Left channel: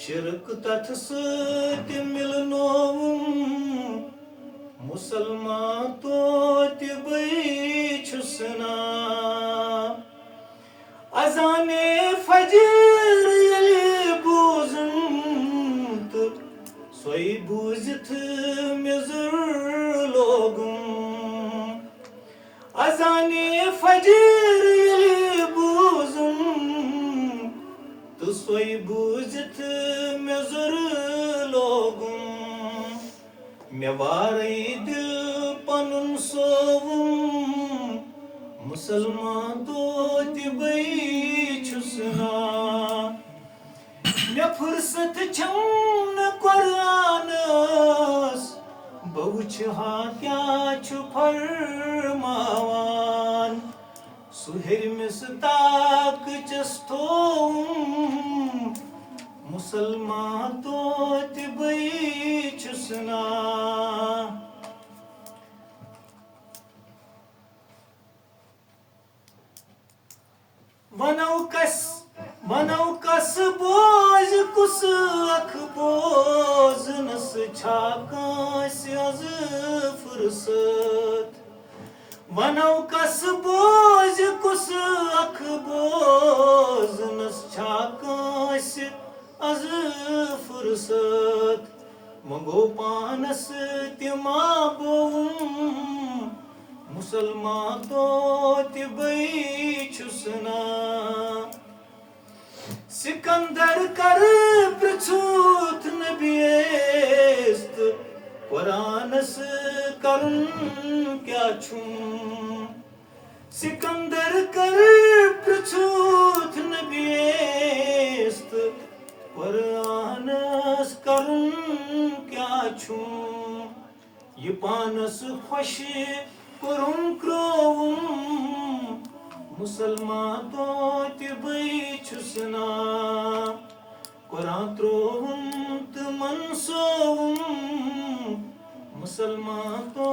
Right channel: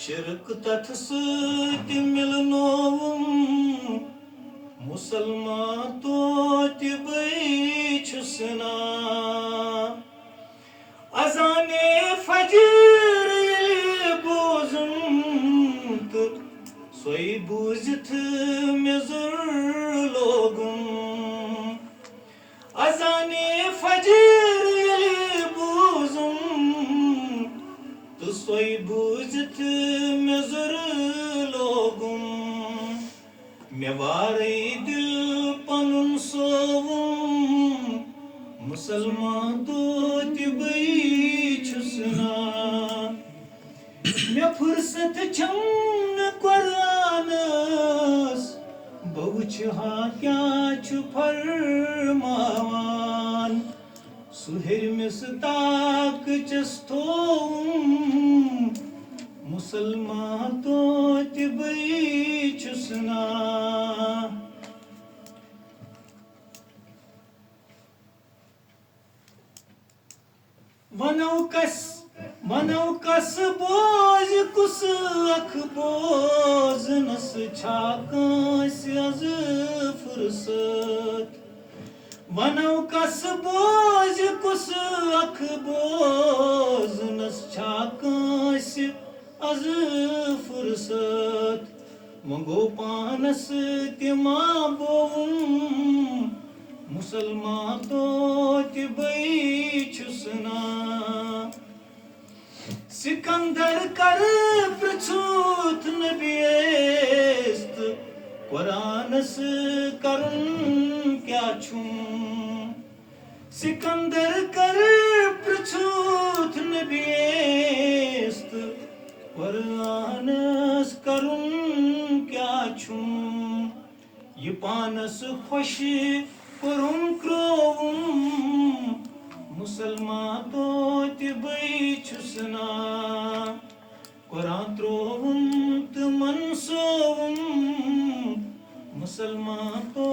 शिरक तथ सत मिलनोवुम मुसलमान तोति छुसना अजाने फजर ये बोजुम तो सोई बूझित मेजर लोगुम अजाने फजर ये बोजुम तो सोई बूझित मेजर लोगुम मे वारे दिल पनुन सोवुम मुसलमान तोति छुसना मे फुर्सत छम कुरानस बहुच हा क्या छु फरमावान सुहेर मिस ताक चस्तोम मुसलमान तोति छुसना वनौ कस बोझ कुस अख बोझ नस छाकास अज फुर्सत वनौ कस बोझ कुस अख बोझ नस छाकास अज फुर्सत मंगो पानस तिमा बोम मुसलमान तोति छुसना सिकंदर कर पृछूत नबियस्त कुरानस करुन क्या छुम सिकंदर कर पृछूत नबियस्त कुरानस करुन क्या छुम ये पानस खुश कुरुम क्रोवुम मुसलमान तोति छुसना कुरान त्रोवुम तमन सोवुम मुसलमान तो